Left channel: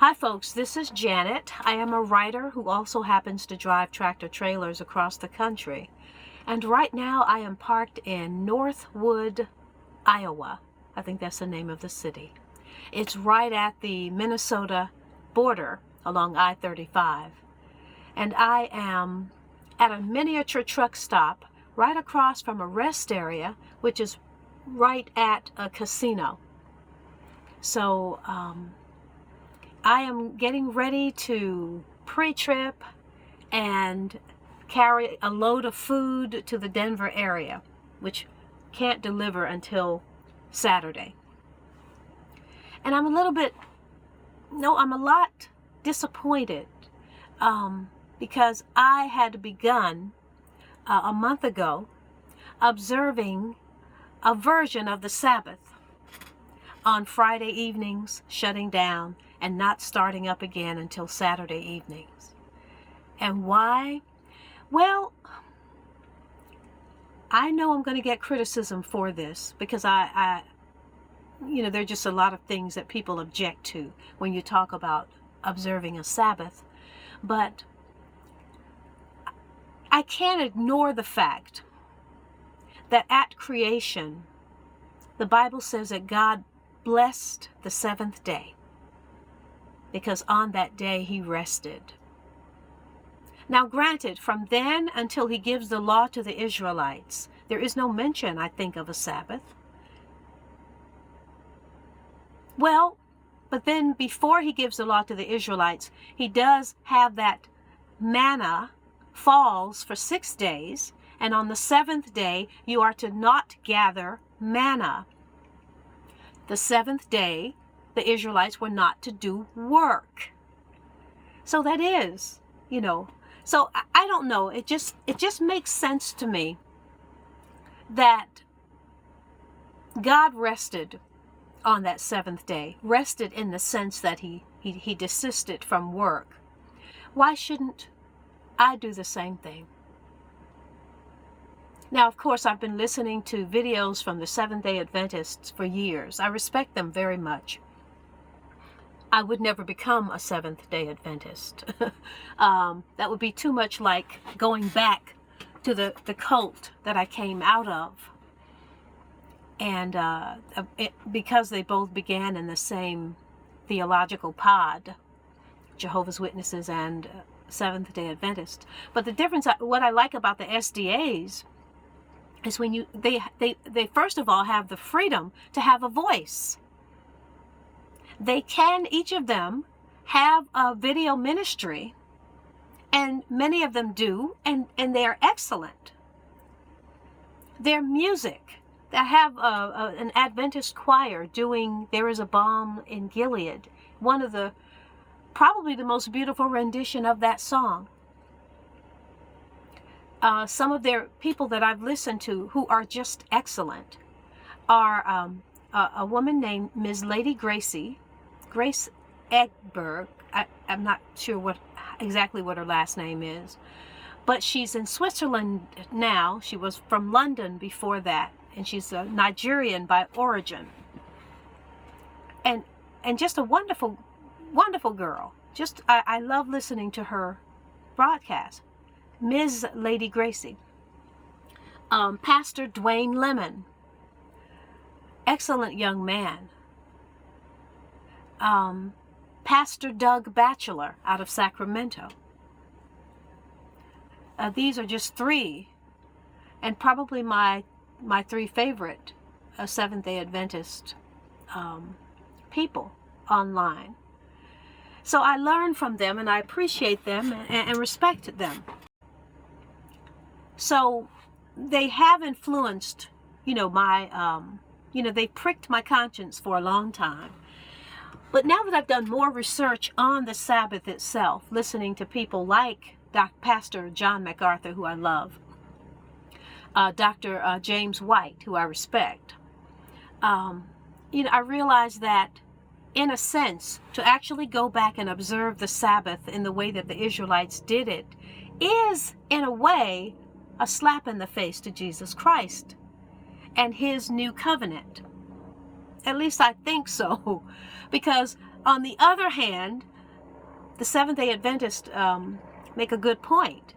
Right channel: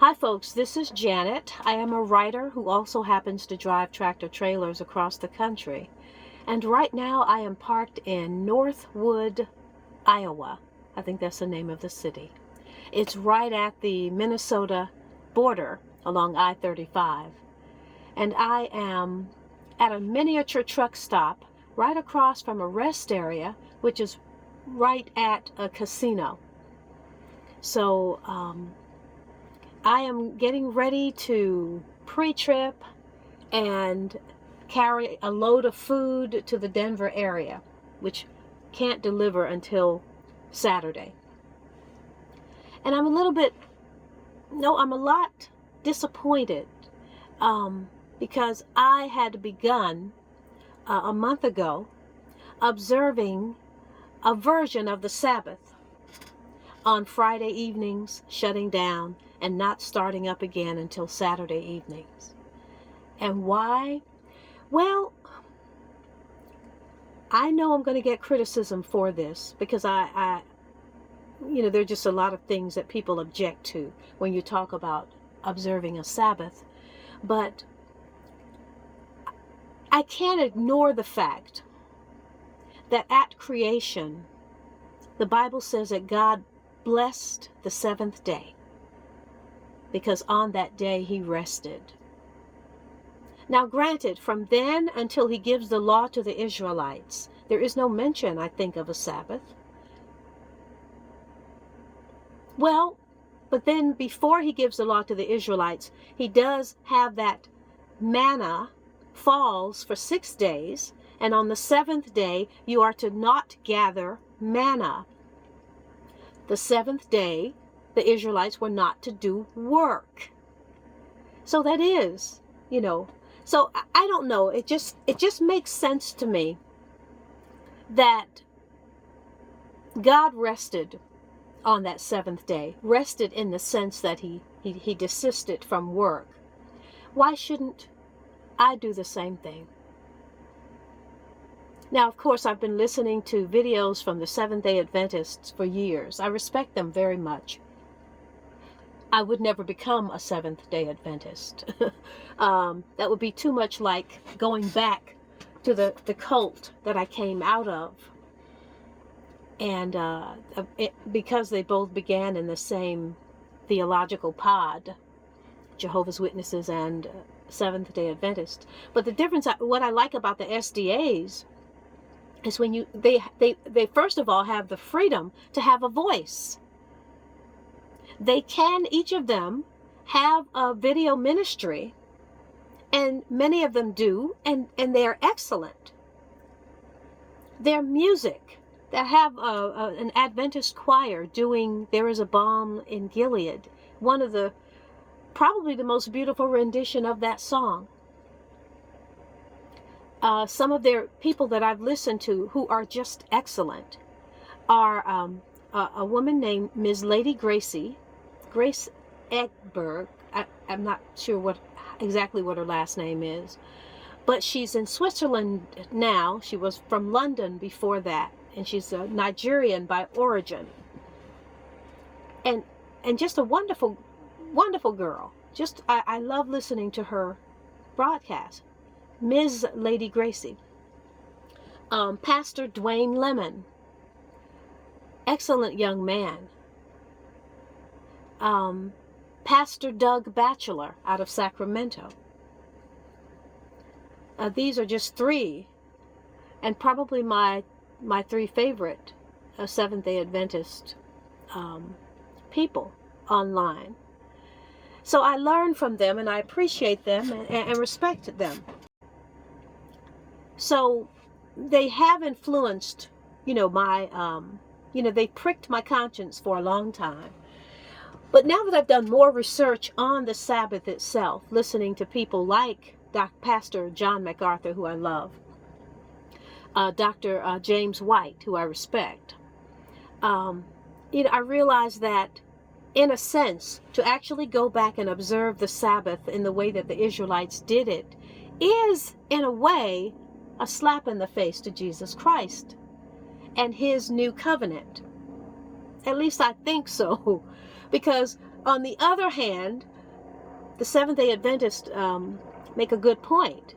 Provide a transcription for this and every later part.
Hi folks, this is Janet. I am a writer who also happens to drive tractor trailers across the country. And right now I am parked in Northwood, Iowa. I think that's the name of the city. It's right at the Minnesota border along I-35. And I am at a miniature truck stop right across from a rest area, which is right at a casino. So, I am getting ready to pre-trip and carry a load of food to the Denver area, which can't deliver until Saturday. And I'm a lot disappointed because I had begun a month ago observing a version of the Sabbath on Friday evenings, shutting down and not starting up again until Saturday evenings. And why? Well, I know I'm going to get criticism for this because there are just a lot of things that people object to when you talk about observing a Sabbath. But I can't ignore the fact that at creation, the Bible says that God blessed the seventh day, because on that day he rested. Now granted, from then until he gives the law to the Israelites, there is no mention, I think, of a Sabbath. Well, but then before he gives the law to the Israelites, he does have that manna falls for 6 days, and on the seventh day you are to not gather manna. The seventh day, the Israelites were not to do work. So that is, so I don't know. It just makes sense to me that God rested on that seventh day, rested in the sense that he desisted from work. Why shouldn't I do the same thing? Now, of course, I've been listening to videos from the Seventh-day Adventists for years. I respect them very much. I would never become a Seventh-day Adventist. That would be too much like going back to the cult that I came out of. And because they both began in the same theological pod, Jehovah's Witnesses and Seventh-day Adventists. But the difference, what I like about the SDAs, is when they first of all have the freedom to have a voice. They can, each of them, have a video ministry, and many of them do, and they are excellent. Their music, that have an Adventist choir doing "There Is a Balm in Gilead," one of probably the most beautiful rendition of that song. Some of their people that I've listened to who are just excellent are a woman named Ms. Lady Grace Egberg. I'm not sure exactly what her last name is, but she's in Switzerland now. She was from London before that, and she's a Nigerian by origin. And just a wonderful, wonderful girl. I love listening to her broadcast. Ms. Lady Gracie. Pastor Dwayne Lemon. Excellent young man. Pastor Doug Batchelor out of Sacramento. These are just three, and probably my three favorite Seventh-day Adventist people online. So I learn from them, and I appreciate them and respect them. So they have influenced, they pricked my conscience for a long time. But now that I've done more research on the Sabbath itself, listening to people like Pastor John MacArthur, who I love, Dr. James White, who I respect, I realized that, in a sense, to actually go back and observe the Sabbath in the way that the Israelites did it is, in a way, a slap in the face to Jesus Christ and his new covenant. At least I think so. Because on the other hand, the Seventh-day Adventists make a good point.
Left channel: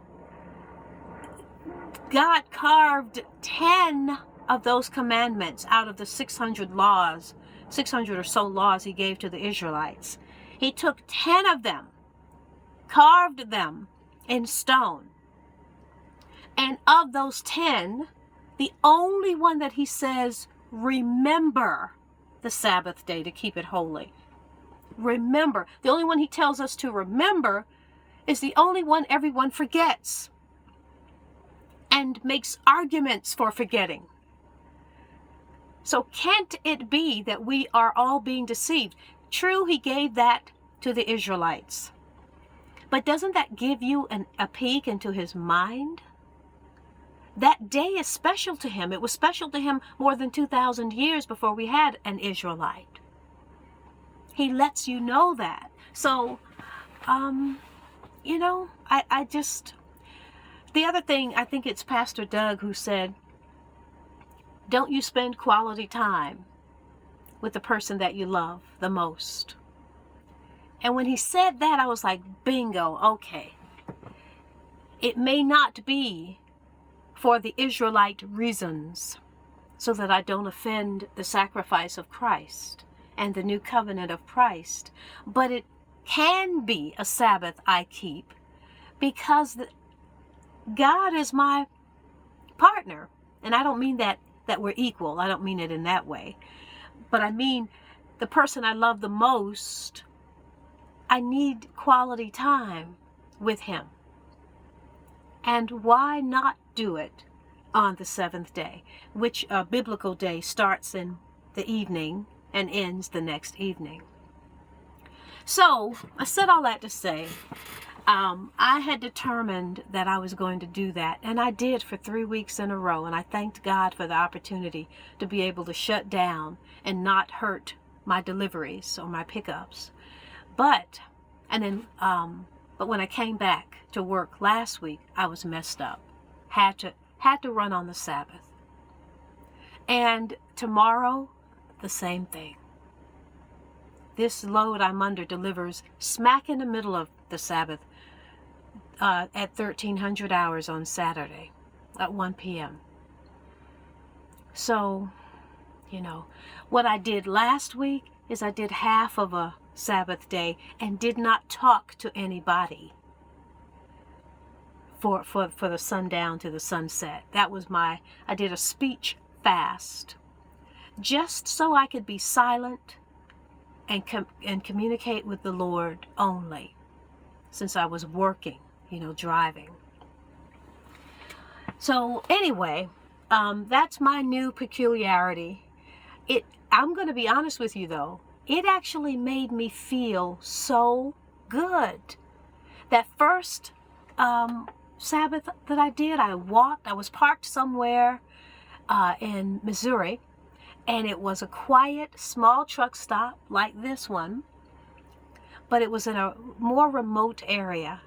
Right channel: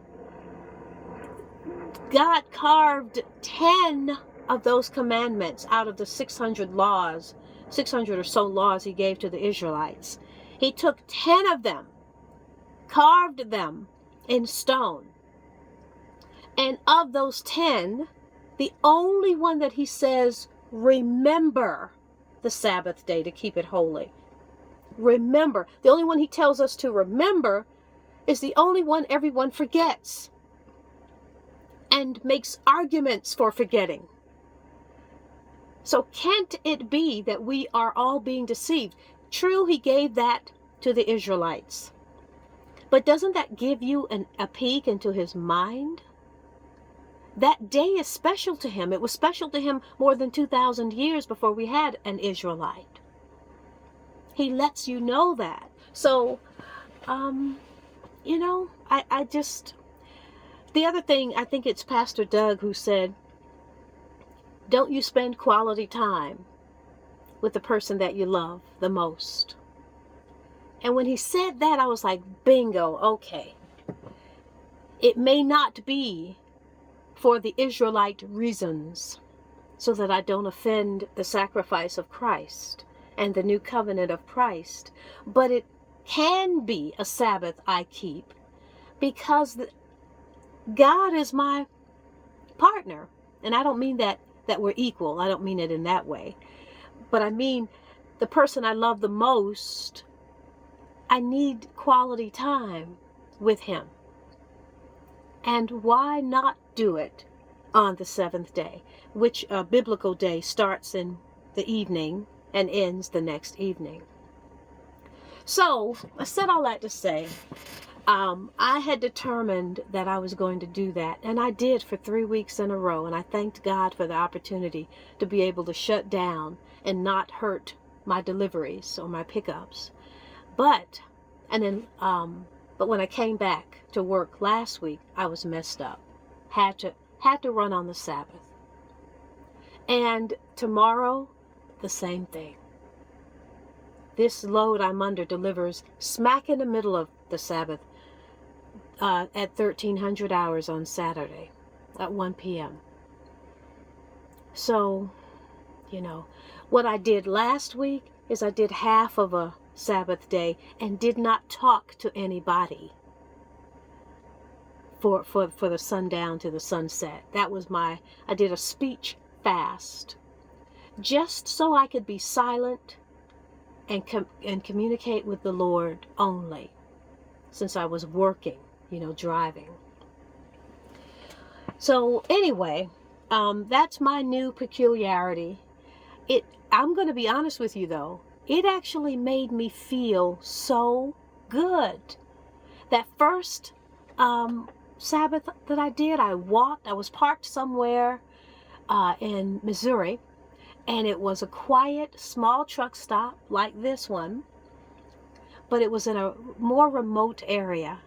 God carved 10 of those commandments out of the 600 laws, 600 or so laws he gave to the Israelites. He took 10 of them, carved them in stone. And of those 10, the only one that he says, remember the Sabbath day to keep it holy. Remember. The only one he tells us to remember is the only one everyone forgets and makes arguments for forgetting. So can't it be that we are all being deceived? True, he gave that to the Israelites. But doesn't that give you a peek into his mind? That day is special to him. It was special to him more than 2,000 years before we had an Israelite. He lets you know that. So, you know, I just... The other thing, I think it's Pastor Doug who said, don't you spend quality time with the person that you love the most. And when he said that, I was like, bingo, okay. It may not be for the Israelite reasons, so that I don't offend the sacrifice of Christ and the new covenant of Christ, but it can be a Sabbath I keep because God is my partner. And I don't mean that we're equal. I don't mean it in that way. But I mean the person I love the most, I need quality time with him. And why not do it on the seventh day, which a biblical day starts in the evening and ends the next evening? So I said all that to say, I had determined that I was going to do that, and I did for 3 weeks in a row, and I thanked God for the opportunity to be able to shut down and not hurt my deliveries or my pickups. But when I came back to work last week, I was messed up. Had to run on the Sabbath. And tomorrow, the same thing. This load I'm under delivers smack in the middle of the Sabbath at 1300 hours on Saturday at 1 p.m. So, you know, what I did last week is I did half of a Sabbath day and did not talk to anybody for the sundown to the sunset. That was I did a speech fast just so I could be silent and communicate with the Lord only, since I was working, you know, driving. So anyway, that's my new peculiarity. I'm going to be honest with you though, it actually made me feel so good. That first Sabbath that I did, I was parked somewhere in Missouri, and it was a quiet, small truck stop like this one, but it was in a more remote area.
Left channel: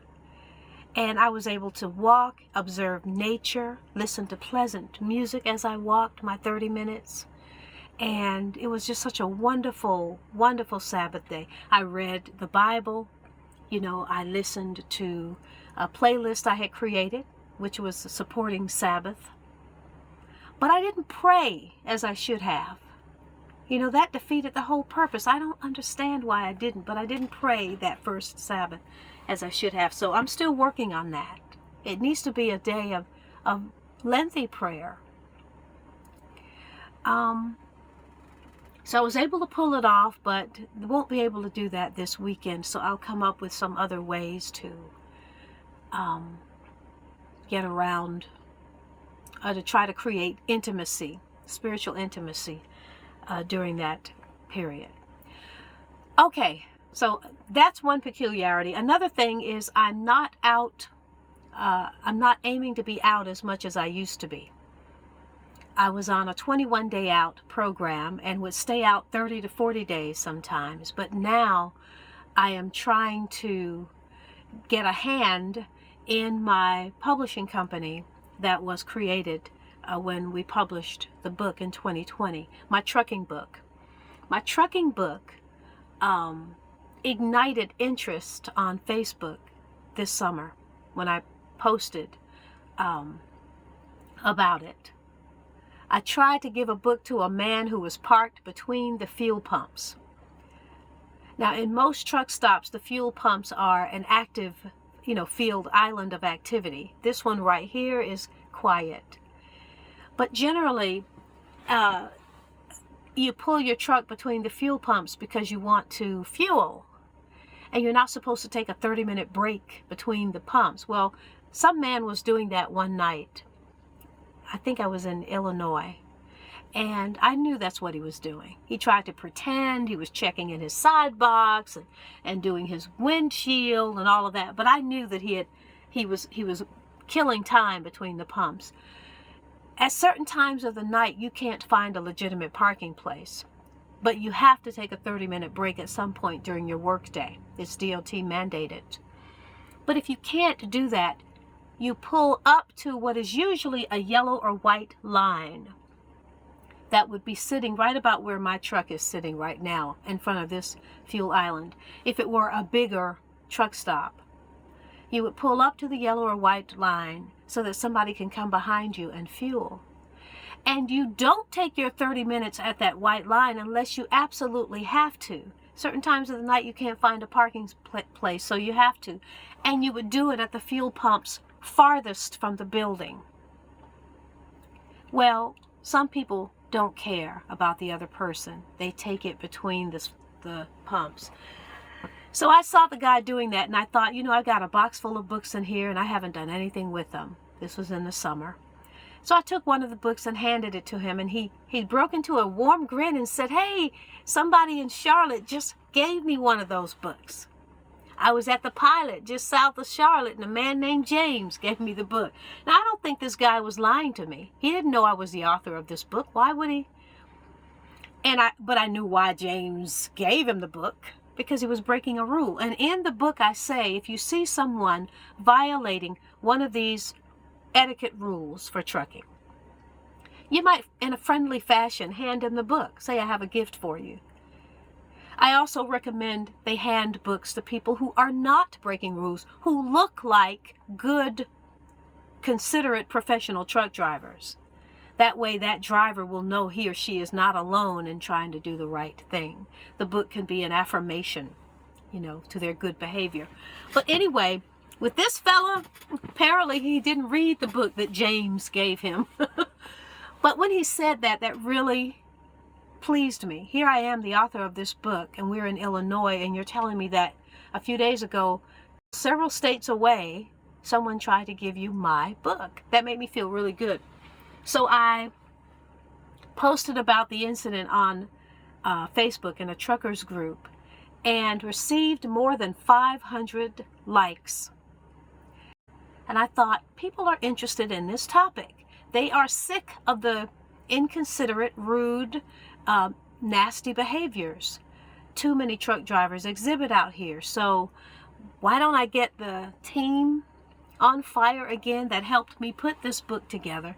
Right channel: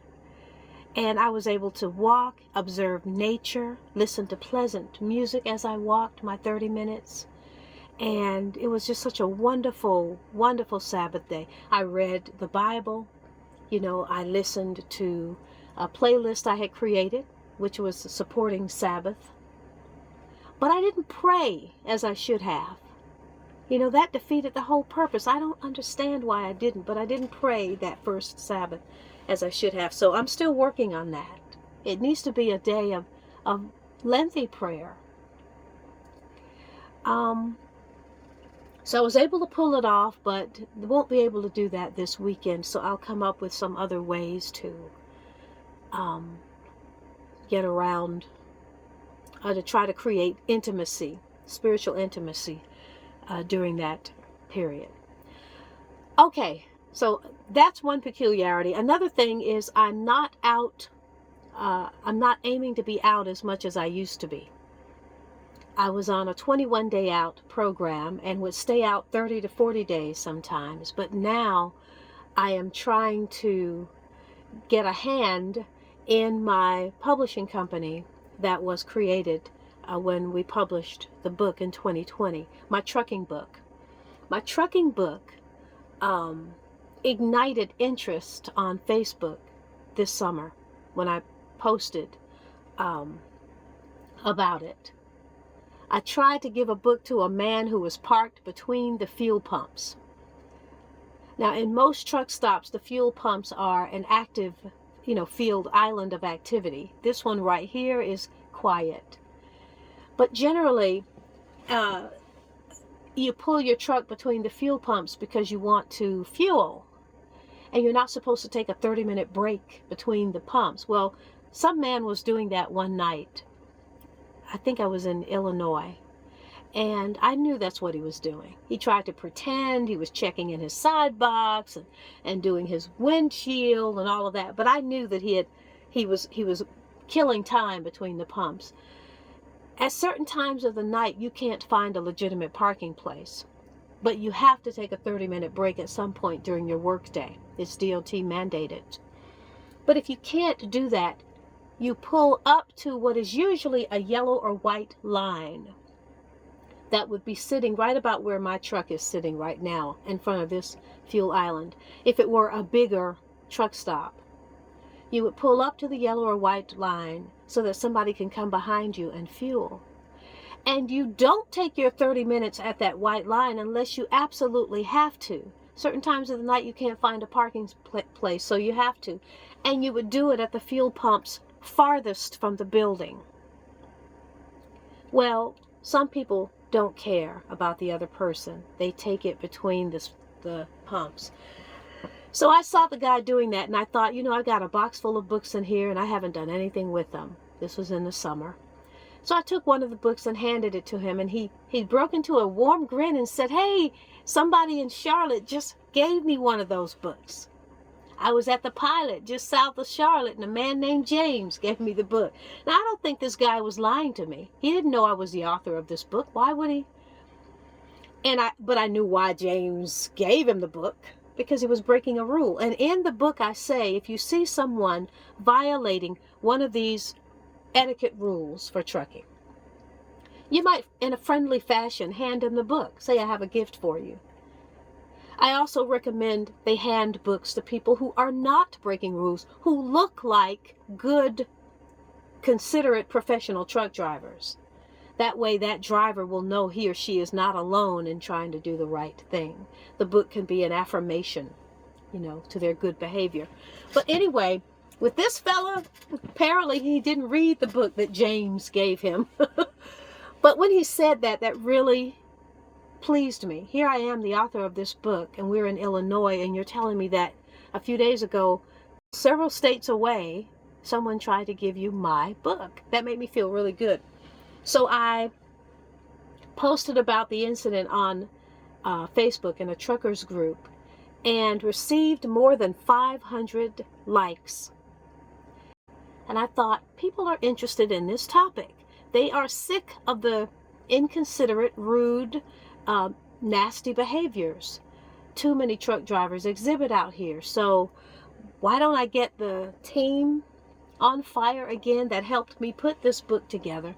And I was able to walk, observe nature, listen to pleasant music as I walked my 30 minutes. And it was just such a wonderful, wonderful Sabbath day. I read the Bible. You know, I listened to a playlist I had created, which was supporting Sabbath. But I didn't pray as I should have. You know, that defeated the whole purpose. I don't understand why I didn't, but I didn't pray that first Sabbath as I should have. So I'm still working on that. It needs to be a day of lengthy prayer. So I was able to pull it off, but won't be able to do that this weekend. So I'll come up with some other ways to get around, to try to create intimacy, spiritual intimacy during that period. Okay, so that's one peculiarity. Another thing is I'm not aiming to be out as much as I used to be. I was on a 21-day out program and would stay out 30 to 40 days sometimes, but now I am trying to get a hand in my publishing company that was created when we published the book in 2020, my trucking book. My trucking book ignited interest on Facebook this summer when I posted about it. I tried to give a book to a man who was parked between the fuel pumps. Now, in most truck stops, the fuel pumps are an active, field island of activity. This one right here is quiet. But generally, you pull your truck between the fuel pumps because you want to fuel. And you're not supposed to take a 30-minute break between the pumps. Well, some man was doing that one night. I think I was in Illinois. And I knew that's what he was doing. He tried to pretend he was checking in his side box and doing his windshield and all of that. But I knew that he was killing time between the pumps. At certain times of the night, you can't find a legitimate parking place. But you have to take a 30-minute break at some point during your workday. It's DOT mandated. But if you can't do that, you pull up to what is usually a yellow or white line that would be sitting right about where my truck is sitting right now in front of this fuel island. If it were a bigger truck stop, you would pull up to the yellow or white line so that somebody can come behind you and fuel. And you don't take your 30 minutes at that white line unless you absolutely have to. Certain times of the night you can't find a parking place, so you have to. And you would do it at the fuel pumps farthest from the building. Well, some people don't care about the other person. They take it between the pumps. So I saw the guy doing that, and I thought, I've got a box full of books in here, and I haven't done anything with them. This was in the summer. So I took one of the books and handed it to him, and he broke into a warm grin and said, "Hey, somebody in Charlotte just gave me one of those books. I was at the Pilot just south of Charlotte, and a man named James gave me the book." Now, I don't think this guy was lying to me. He didn't know I was the author of this book. Why would he? But I knew why James gave him the book, because he was breaking a rule. And in the book I say, if you see someone violating one of these etiquette rules for trucking, you might, in a friendly fashion, hand him the book. Say, "I have a gift for you." I also recommend they hand books to people who are not breaking rules, who look like good, considerate professional truck drivers. That way that driver will know he or she is not alone in trying to do the right thing. The book can be an affirmation, to their good behavior. But anyway, with this fella, apparently he didn't read the book that James gave him. But when he said that, that really pleased me. Here I am, the author of this book, and we're in Illinois, and you're telling me that a few days ago, several states away, someone tried to give you my book. That made me feel really good. So I posted about the incident on Facebook in a truckers group and received more than 500 likes. And I thought, people are interested in this topic. They are sick of the inconsiderate, rude, nasty behaviors too many truck drivers exhibit out here. So why don't I get the team on fire again that helped me put this book together,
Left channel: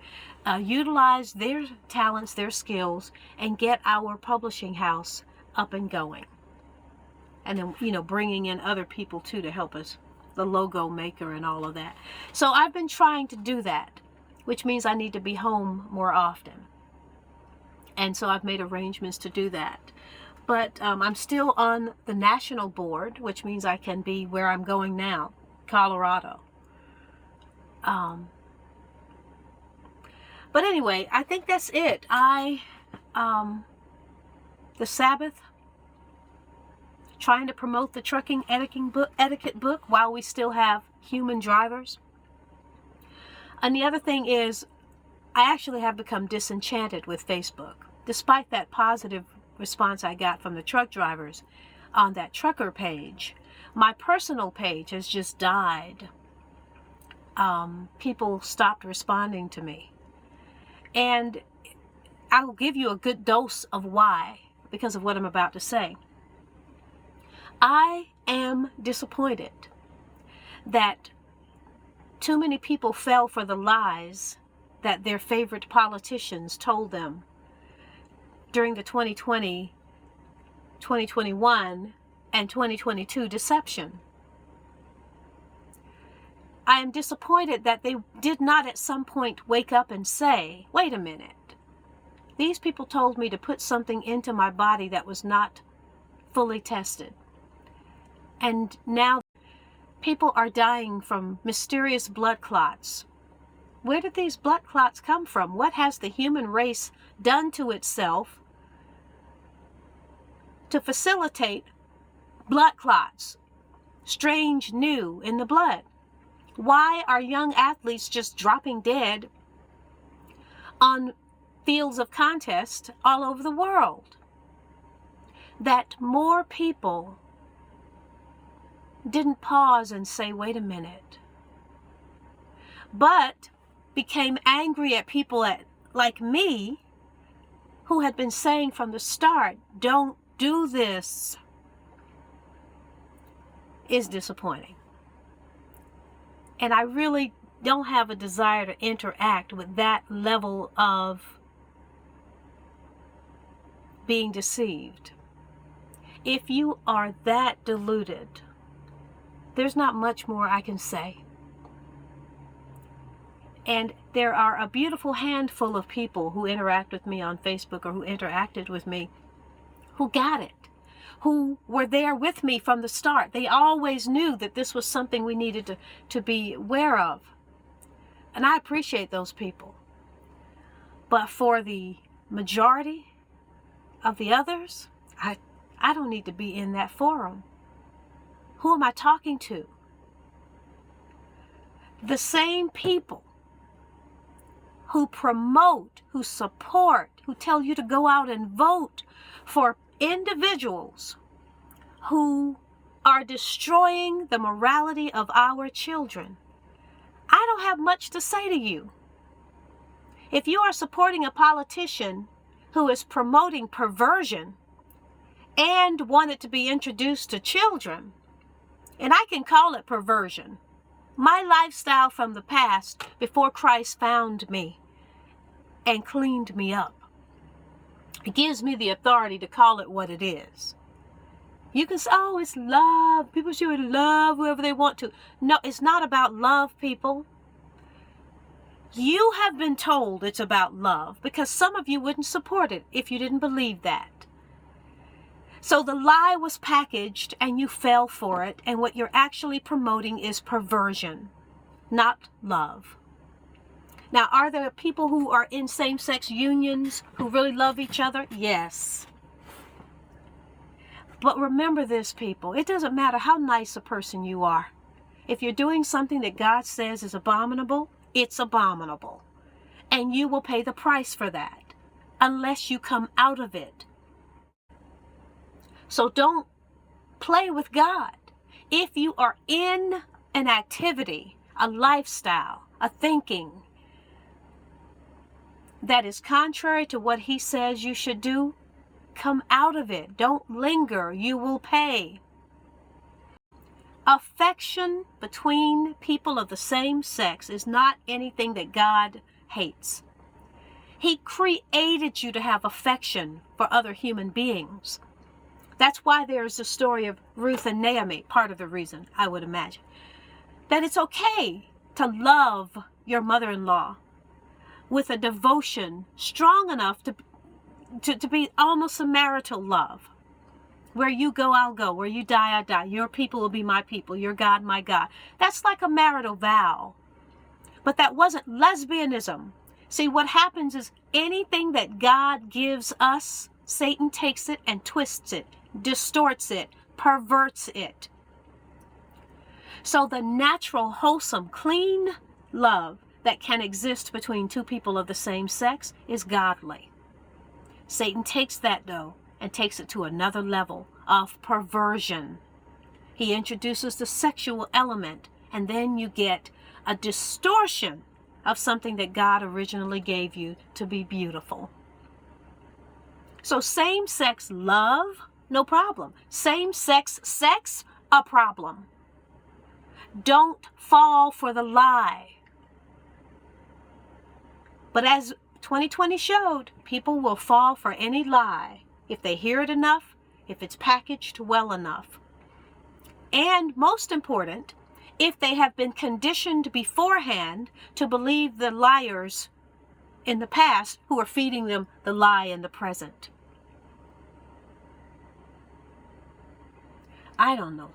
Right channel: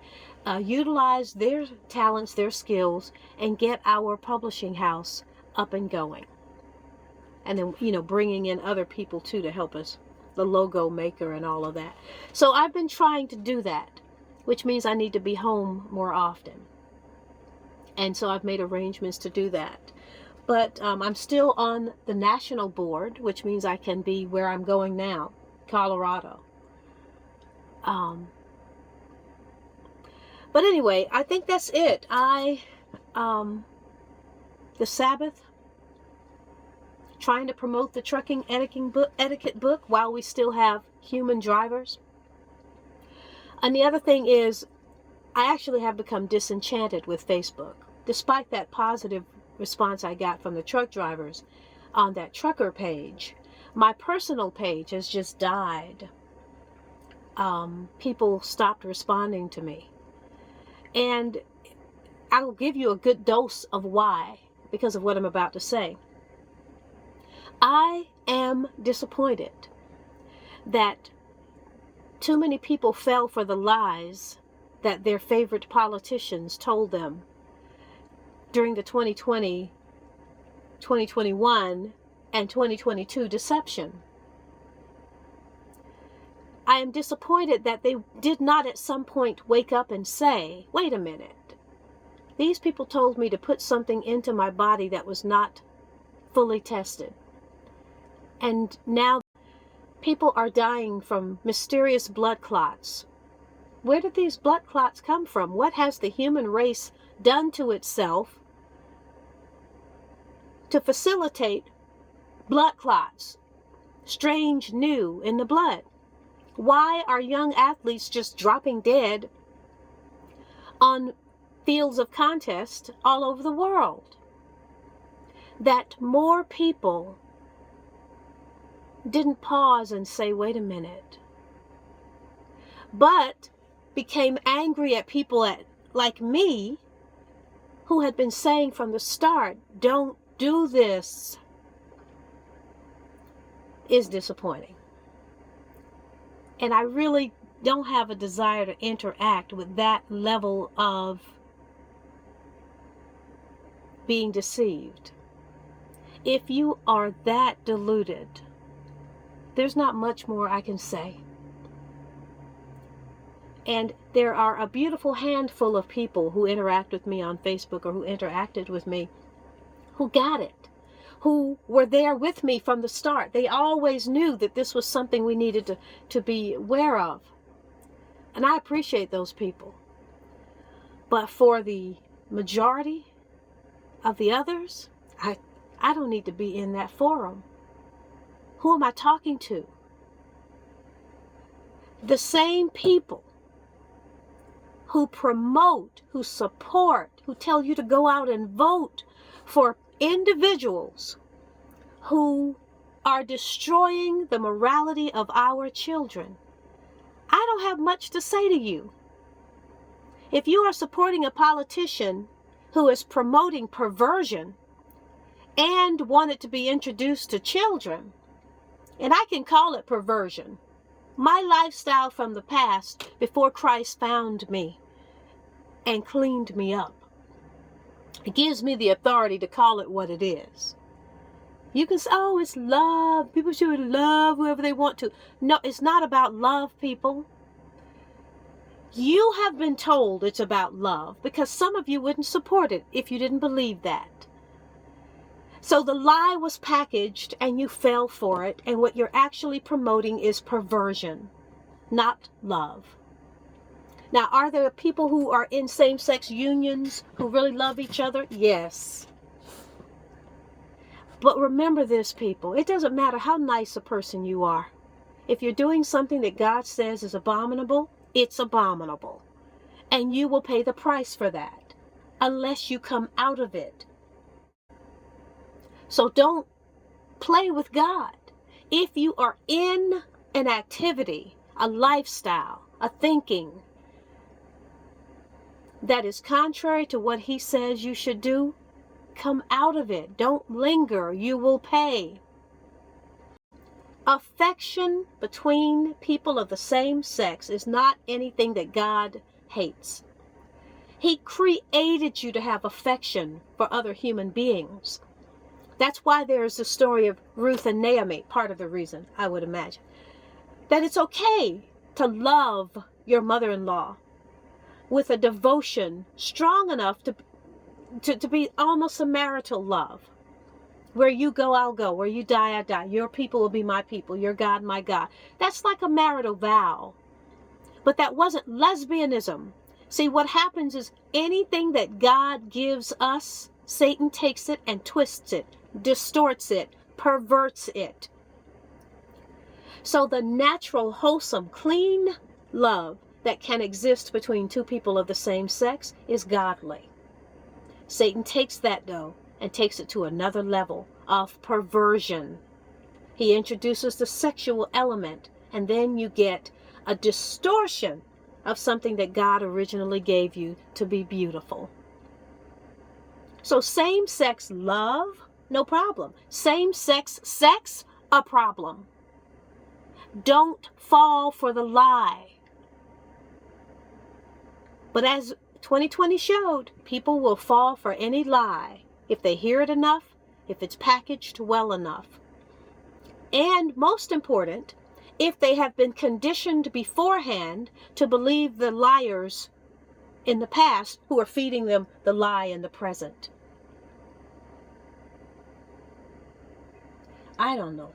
utilize their talents, their skills, and get our publishing house up and going. And then, bringing in other people too to help us, the logo maker and all of that. So I've been trying to do that, which means I need to be home more often. And so I've made arrangements to do that. But I'm still on the national board, which means I can be where I'm going now, Colorado. But anyway, I think that's it. The Sabbath, trying to promote the trucking etiquette book while we still have human drivers. And the other thing is, I actually have become disenchanted with Facebook. Despite that positive response I got from the truck drivers on that trucker page, my personal page has just died. People stopped responding to me. And I'll give you a good dose of why, because of what I'm about to say. I am disappointed that too many people fell for the lies that their favorite politicians told them during the 2020-2021 and 2022 deception. I am disappointed that they did not at some point wake up and say, wait a minute, these people told me to put something into my body that was not fully tested. And now people are dying from mysterious blood clots. Where did these blood clots come from? What has the human race done to itself to facilitate blood clots, strange, new in the blood? Why are young athletes just dropping dead on fields of contest all over the world? That more people didn't pause and say, wait a minute, but became angry at people like me who had been saying from the start, don't do this, is disappointing. And I really don't have a desire to interact with that level of being deceived. If you are that deluded, there's not much more I can say. And there are a beautiful handful of people who interact with me on Facebook or who interacted with me who got it, who were there with me from the start. They always knew that this was something we needed to be aware of. And I appreciate those people. But for the majority of the others, I don't need to be in that forum. Who am I talking to? The same people who promote, who support, who tell you to go out and vote for individuals who are destroying the morality of our children. I don't have much to say to you. If you are supporting a politician who is promoting perversion and want it to be introduced to children, and I can call it perversion, my lifestyle from the past before Christ found me and cleaned me up, it gives me the authority to call it what it is. You can say, oh, it's love. People should love whoever they want to. No, it's not about love, people. You have been told it's about love because some of you wouldn't support it if you didn't believe that. So the lie was packaged and you fell for it, and what you're actually promoting is perversion, not love. Now, are there people who are in same-sex unions who really love each other? Yes. But remember this, people. It doesn't matter how nice a person you are. If you're doing something that God says is abominable, it's abominable. And you will pay the price for that unless you come out of it. So don't play with God. If you are in an activity, a lifestyle, a thinking that is contrary to what He says you should do, come out of it. Don't linger. You will pay. Affection between people of the same sex is not anything that God hates. He created you to have affection for other human beings. That's why there's the story of Ruth and Naomi, part of the reason, I would imagine, that it's okay to love your mother-in-law with a devotion strong enough to be almost a marital love. Where you go, I'll go. Where you die, I die. Your people will be my people. Your God, my God. That's like a marital vow. But that wasn't lesbianism. See, what happens is anything that God gives us, Satan takes it and twists it, distorts it, perverts it. So the natural, wholesome, clean love that can exist between two people of the same sex is godly. Satan takes that, though, and takes it to another level of perversion. He introduces the sexual element, and then you get a distortion of something that God originally gave you to be beautiful. So same-sex love, no problem. Same-sex sex, a problem. Don't fall for the lie. But as 2020 showed, people will fall for any lie if they hear it enough if it's packaged well enough. And most important, if they have been conditioned beforehand to believe the liars in the past who are feeding them the lie in the present. I don't know.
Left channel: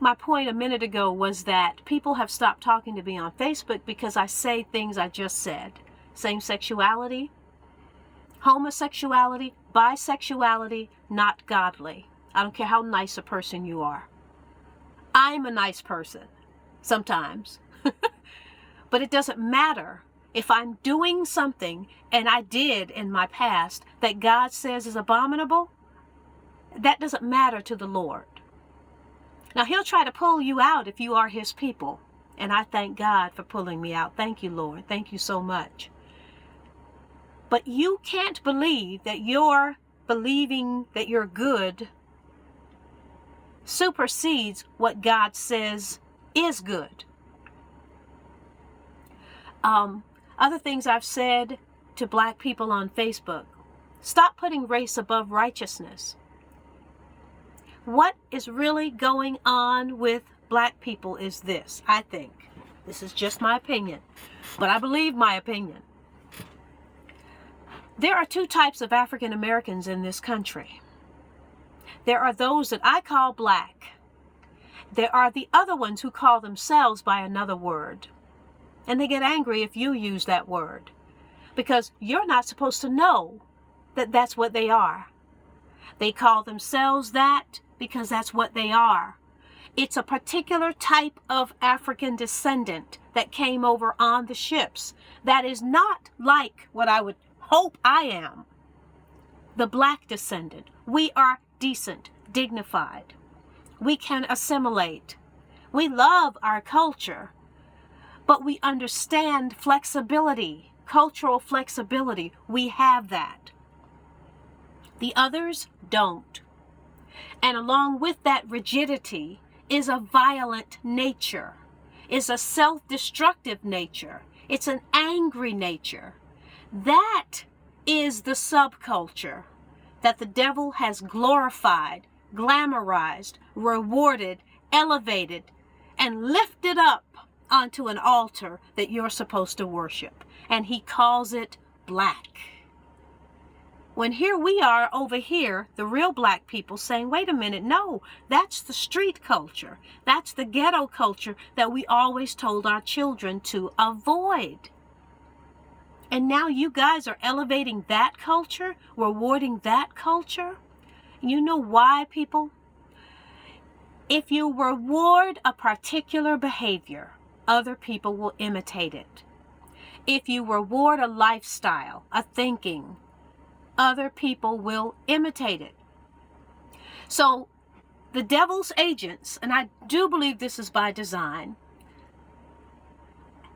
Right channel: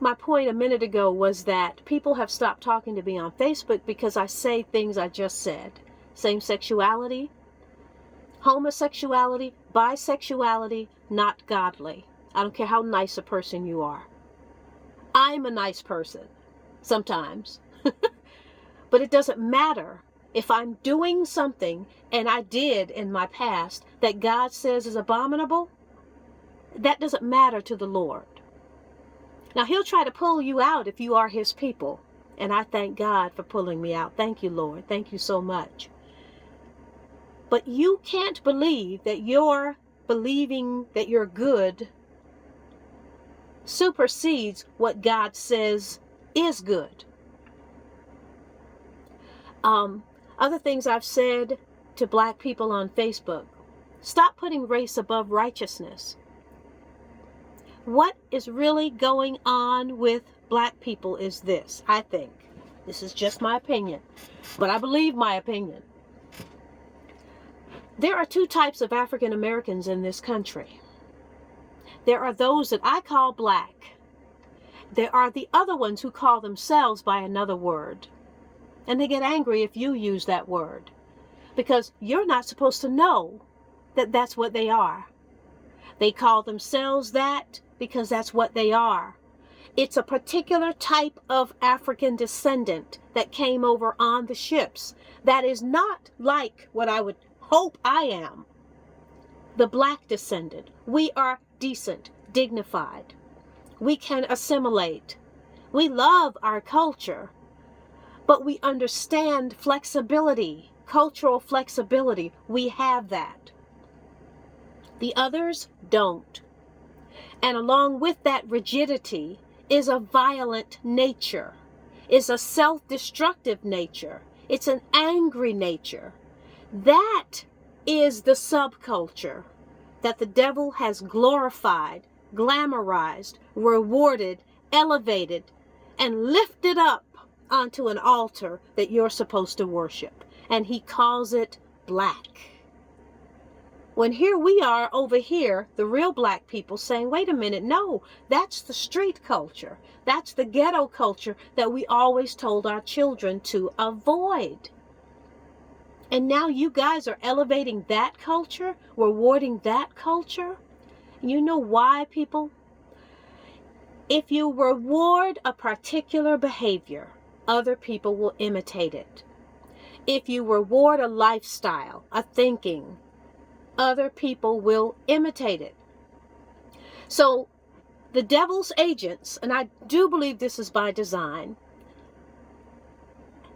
My point a minute ago was that people have stopped talking to me on Facebook because I say things I just said. Same sexuality, homosexuality, bisexuality, not godly. I don't care how nice a person you are. I'm a nice person sometimes. But it doesn't matter if I'm doing something, and I did in my past, that God says is abominable. That doesn't matter to the Lord. Now, he'll try to pull you out if you are his people. And I thank God for pulling me out. Thank you, Lord. Thank you so much. But you can't believe that your believing that you're good supersedes what God says is good. Other things I've said to black people on Facebook: stop putting race above righteousness. What is really going on with black people is this, I think. This is just my opinion, but I believe my opinion. There are two types of African Americans in this country. There are those that I call black. There are the other ones who call themselves by another word. And they get angry if you use that word, because you're not supposed to know that that's what they are. They call themselves that because that's what they are. It's a particular type of African descendant that came over on the ships that is not like what I would hope I am, the black descendant. We are decent, dignified. We can assimilate. We love our culture. But we understand flexibility, cultural flexibility. We have that. The others don't. And along with that rigidity is a violent nature, is a self-destructive nature. It's an angry nature. That is the subculture that the devil has glorified, glamorized, rewarded, elevated, and lifted up onto an altar that you're supposed to worship. And he calls it black. When here we are over here, the real black people saying, wait a minute, no, that's the street culture. That's the ghetto culture that we always told our children to avoid. And now you guys are elevating that culture, rewarding that culture. You know why, people? If you reward a particular behavior, other people will imitate it. If you reward a lifestyle, a thinking, other people will imitate it. So the devil's agents, and I do believe this is by design,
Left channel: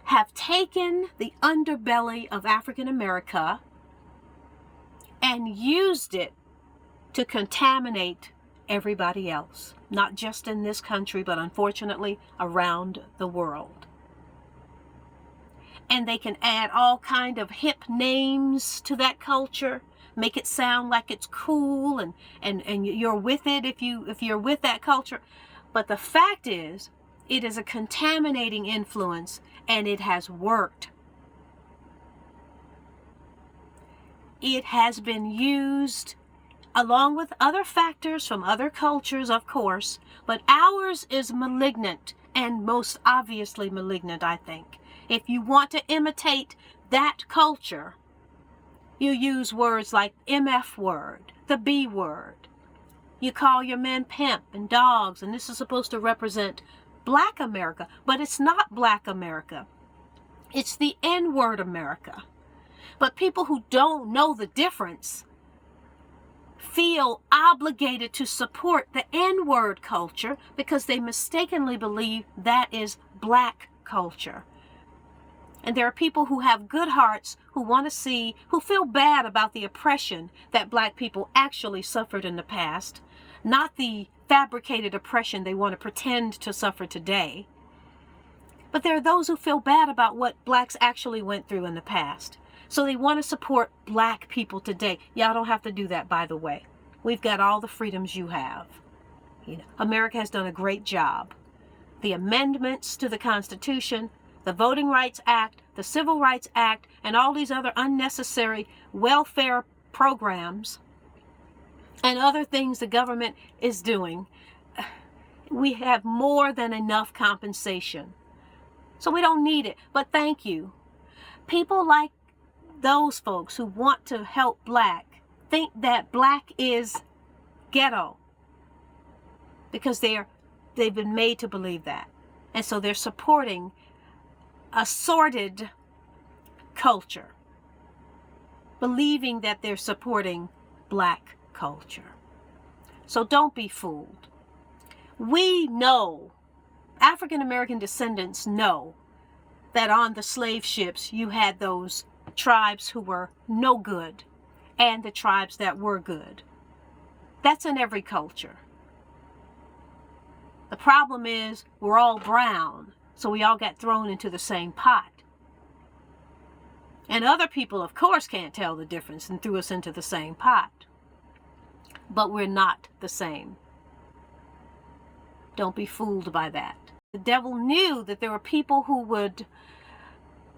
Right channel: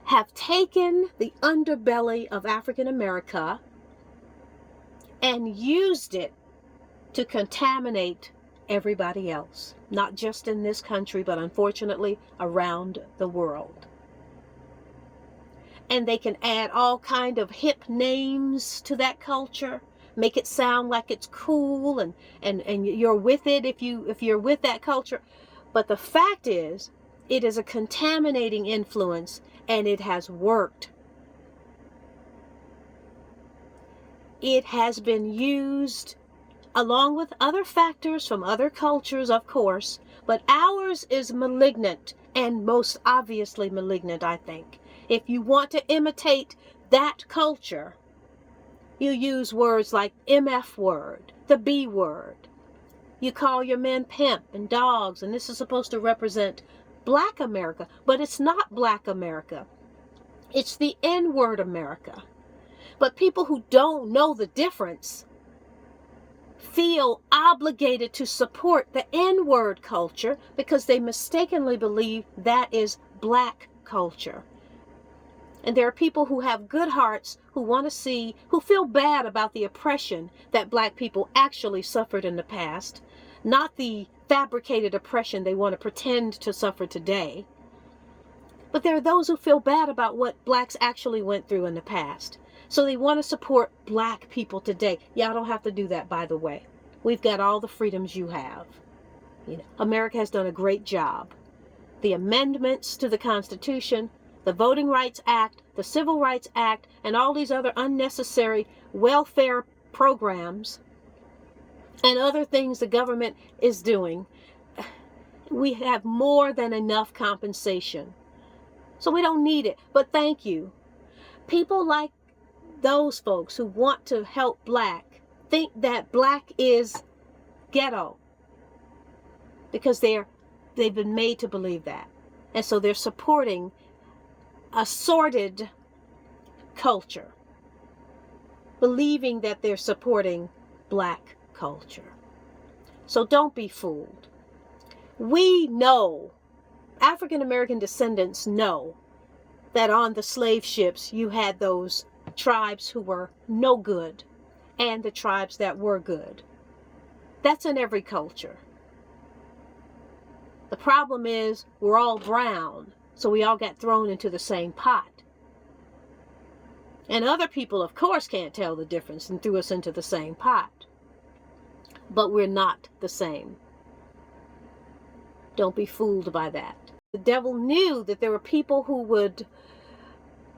have taken the underbelly of African America and used it to contaminate everybody else, not just in this country, but unfortunately around the world. And they can add all kind of hip names to that culture, make it sound like it's cool, and you're with it if you're with that culture. But the fact is, it is a contaminating influence, and it has worked. It has been used along with other factors from other cultures, of course, but ours is malignant, and most obviously malignant, I think. If you want to imitate that culture, you use words like MF word, the B word. You call your men pimp and dogs, and this is supposed to represent Black America, but it's not Black America. It's the N-word America. But people who don't know the difference feel obligated to support the N-word culture because they mistakenly believe that is Black culture. And there are people who have good hearts, who want to see, who feel bad about the oppression that Black people actually suffered in the past, not the fabricated oppression they want to pretend to suffer today. But there are those who feel bad about what blacks actually went through in the past. So they want to support black people today. Y'all don't have to do that, by the way. We've got all the freedoms you have. You know, America has done a great job. The amendments to the Constitution, the Voting Rights Act, the Civil Rights Act, and all these other unnecessary welfare programs and other things the government is doing, we have more than enough compensation. So we don't need it. But thank you. People like those folks who want to help black think that black is ghetto because they've been made to believe that. And so they're supporting a sordid culture, believing that they're supporting black culture. So don't be fooled. We know, African American descendants know, that on the slave ships you had those tribes who were no good and the tribes that were good. That's in every culture. The problem is we're all brown, so we all got thrown into the same pot. And other people, of course, can't tell the difference and threw us into the same pot. But we're not the same. Don't be fooled by that. The devil knew that there were people who would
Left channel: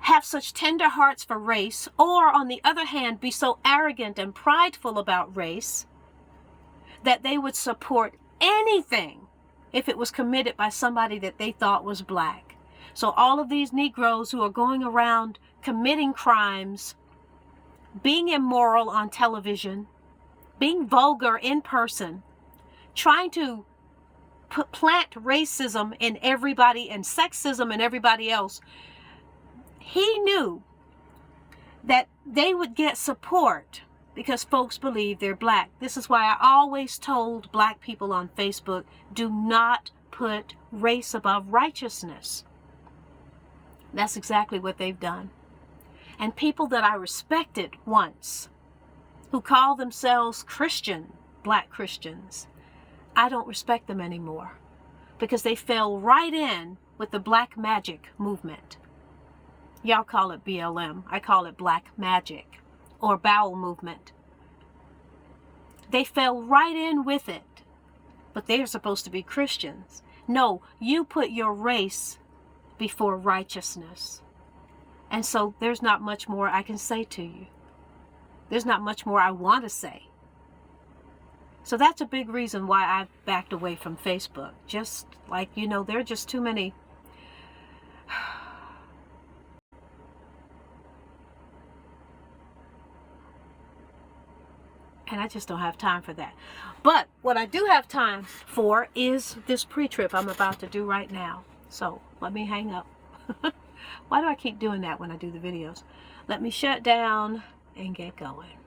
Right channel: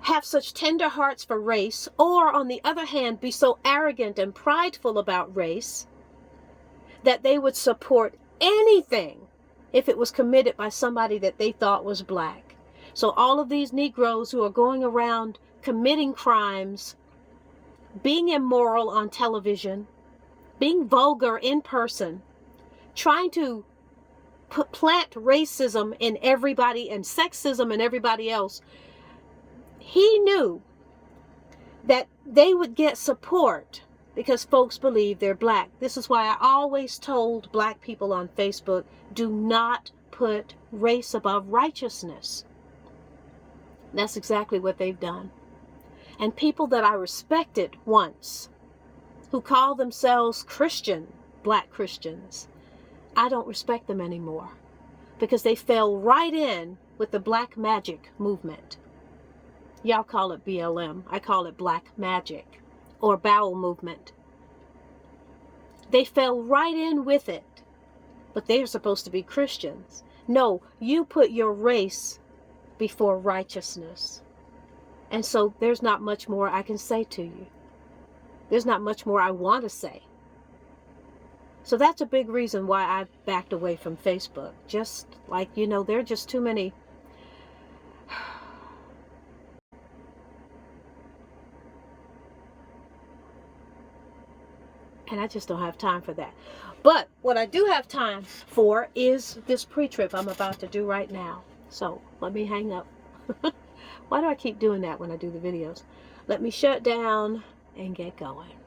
have such tender hearts for race, or on the other hand, be so arrogant and prideful about race that they would support anything if it was committed by somebody that they thought was black. So all of these Negroes who are going around committing crimes, being immoral on television, being vulgar in person, trying to plant racism in everybody and sexism in everybody else, he knew that they would get support because folks believe they're black. This is why I always told black people on Facebook, do not put race above righteousness. That's exactly what they've done. And people that I respected once, who call themselves Christian, black Christians, I don't respect them anymore because they fell right in with the black magic movement. Y'all call it BLM. I call it black magic or bowel movement. They fell right in with it, but they're supposed to be Christians. No, you put your race before righteousness. And so there's not much more I can say to you. There's not much more I want to say. So that's a big reason why I've backed away from Facebook. Just like, you know, there are just too many. And I just don't have time for that. But what I do have time for is this pre-trip I'm about to do right now. So let me hang up. Why do I keep doing that when I do the videos? Let me shut down and get going.